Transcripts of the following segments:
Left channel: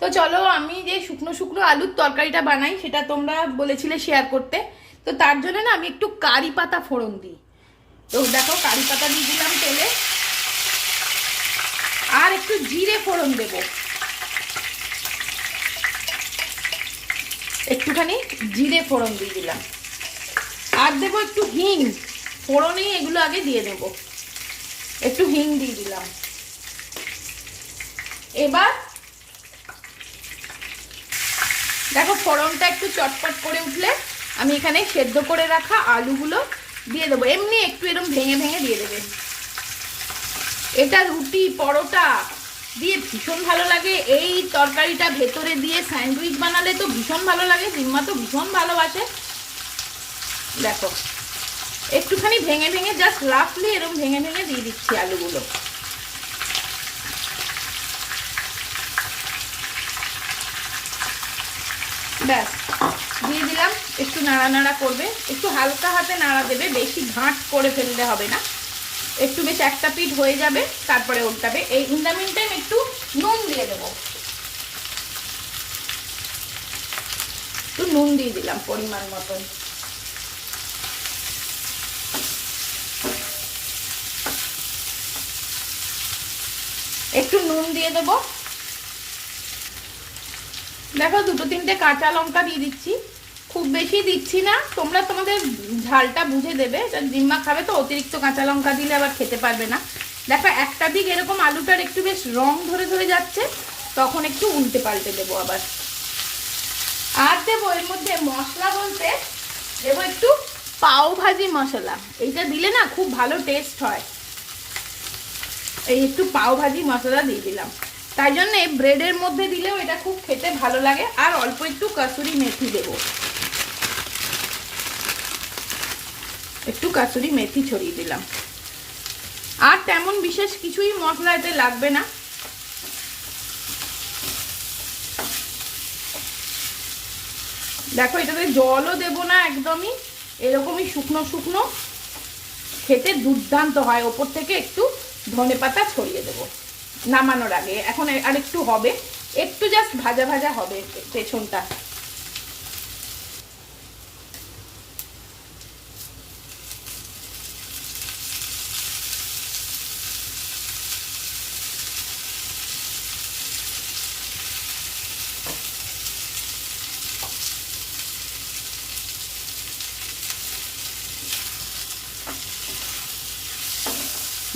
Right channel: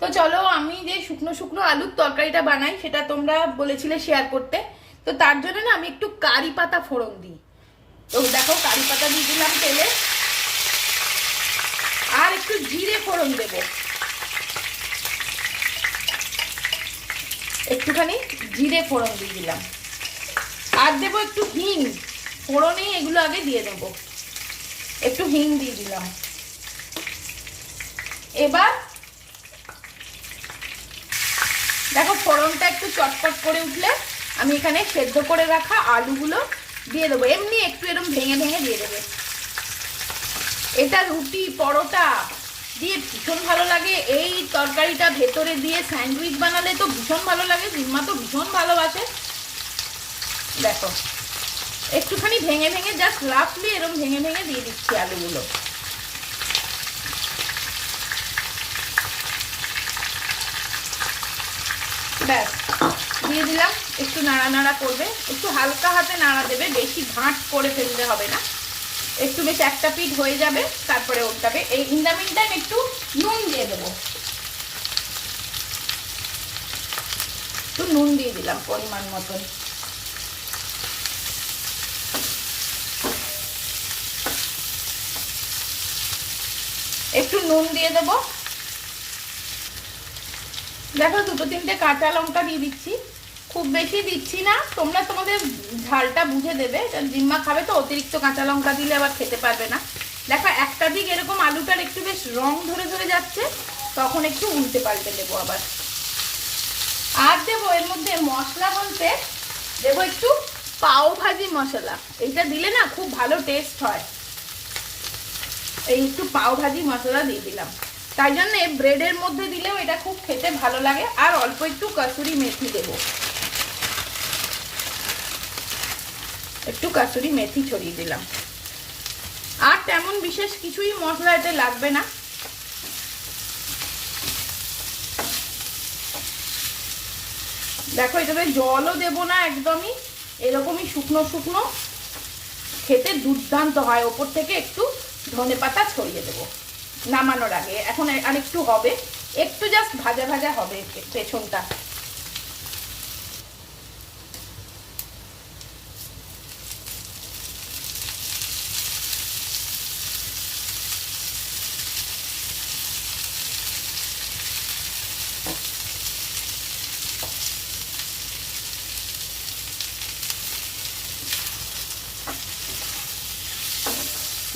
তো চলো, আমি যে শুকনো শুকনো আলুর তরকারিটা বানাই, সেটা তোমরা বলেছিলে শেয়ার করতে। তো তার জন্য না, আমি একটু কারি পাতা ফোড়ন দিই। তো দেখো, কারি পাতা দিয়ে দিলাম তেলে। আর একটু জিরে ফোড়ন দেব। একটুখানি জিরে ফোড়ন দিয়ে দিলাম। আর দেবো একটু হিং। ফোড়নে এগুলো আগে দিয়ে দেবো। একটু হিং দিয়ে দিলাম। এবার দেখো ফোড়নটা একটু চটপট করে উঠলে আমি এখানে সেদ্ধ করে রাখা আলুগুলো দিয়ে দেবো। এমনি একটু এরকম ভেঙে ভেঙে দিয়ে দেবে। এটা রুটি, পরোটা দিয়ে ভীষণ ভালো লাগে। এই তরকারিটা ভেতরে দিয়ে স্যান্ডউইচ বানালে তো ভীষণ ভালো লাগে বিম্মা তো ভীষণ ভালোবাসে। দেখো, একটুখানি ভেঙে ভেঙে জাস্ট রাফলি এরকম ভেঙে ভেঙে দিয়ে দিচ্ছি আলুগুলো। ব্যাস, দিয়ে দিলাম, একটু নাড়া নাড়া করবে, একটু হালকা হাতে নাড়া দেবে, বেশি ভাঁট করে ফেলতে হবে না। একটু বেশ একটা পিঠ হয়ে যাবে, তারপরে ওটাবে এই ইন্দামিন টাইম একটু নুন দিয়ে দেবো। একটু নুন দিয়ে দিলাম পরিমাণ মতন। একটু নুন দিয়ে দেবো। দেখো, দুটো তিনটে কাঁচা লঙ্কা দিয়ে দিচ্ছি। খুব বেশি দিচ্ছি না, তোমরা তোমাদের ঝালটা বুঝে দেবে। জিম্মা খাবে তো, অতিরিক্ত কাঁচা লঙ্কা দিলে আবার খেতে পারবে না। দেখো, একটা দিক এরকম আলুটার একটু বেশ রং ধরে ধরে যাচ্ছে, তখন একটু উল্টে পাল্টে দেবো আবার। আর দেবো এর মধ্যে মশলা বলতে, দেবো একটু পাও ভাজি মশলা। এইটা দিলে না খুব ভালো টেস্ট হয়। এই একটু পাও ভাজি মশলা দিয়ে দিলাম। তাই জন্য ব্রেডের মধ্যে দিলেও এটা খুব খেতে ভালো লাগে। আর অল্প একটু কাসুরি মেথি দেব। একটু কাসুরি মেথি ছড়িয়ে দিলাম। আর তেমন বিশেষ কিছুই মশলা এতে লাগবে না। দেখো, এটাতে জলও দেব না একদমই। এরকমই শুকনো শুকনো। খেতে দুর্দান্ত হয়। ওপর থেকে একটু ধনে পাতা ছড়িয়ে দেবো। নামানোর আগে। এখন আর একটু হবে। একটু জাস্ট ভাজা ভাজা হবে পেছনটা।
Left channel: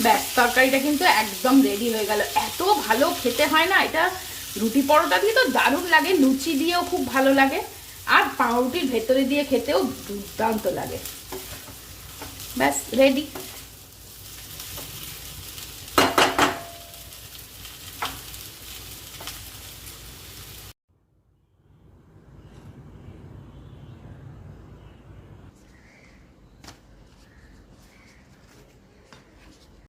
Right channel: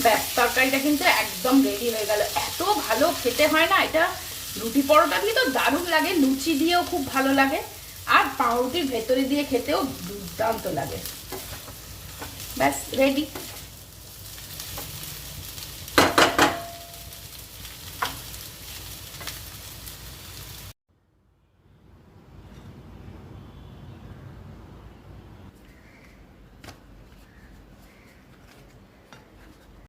ব্যাস, তরকারিটা কিন্তু একদম রেডি হয়ে গেল। এত ভালো খেতে হয় না, এটা রুটি পরোটা দিয়ে তো দারুণ লাগে, লুচি দিয়েও খুব ভালো লাগে, আর পাউরুটির ভেতরে দিয়ে খেতেও দুর্দান্ত লাগে। ব্যাস রেডি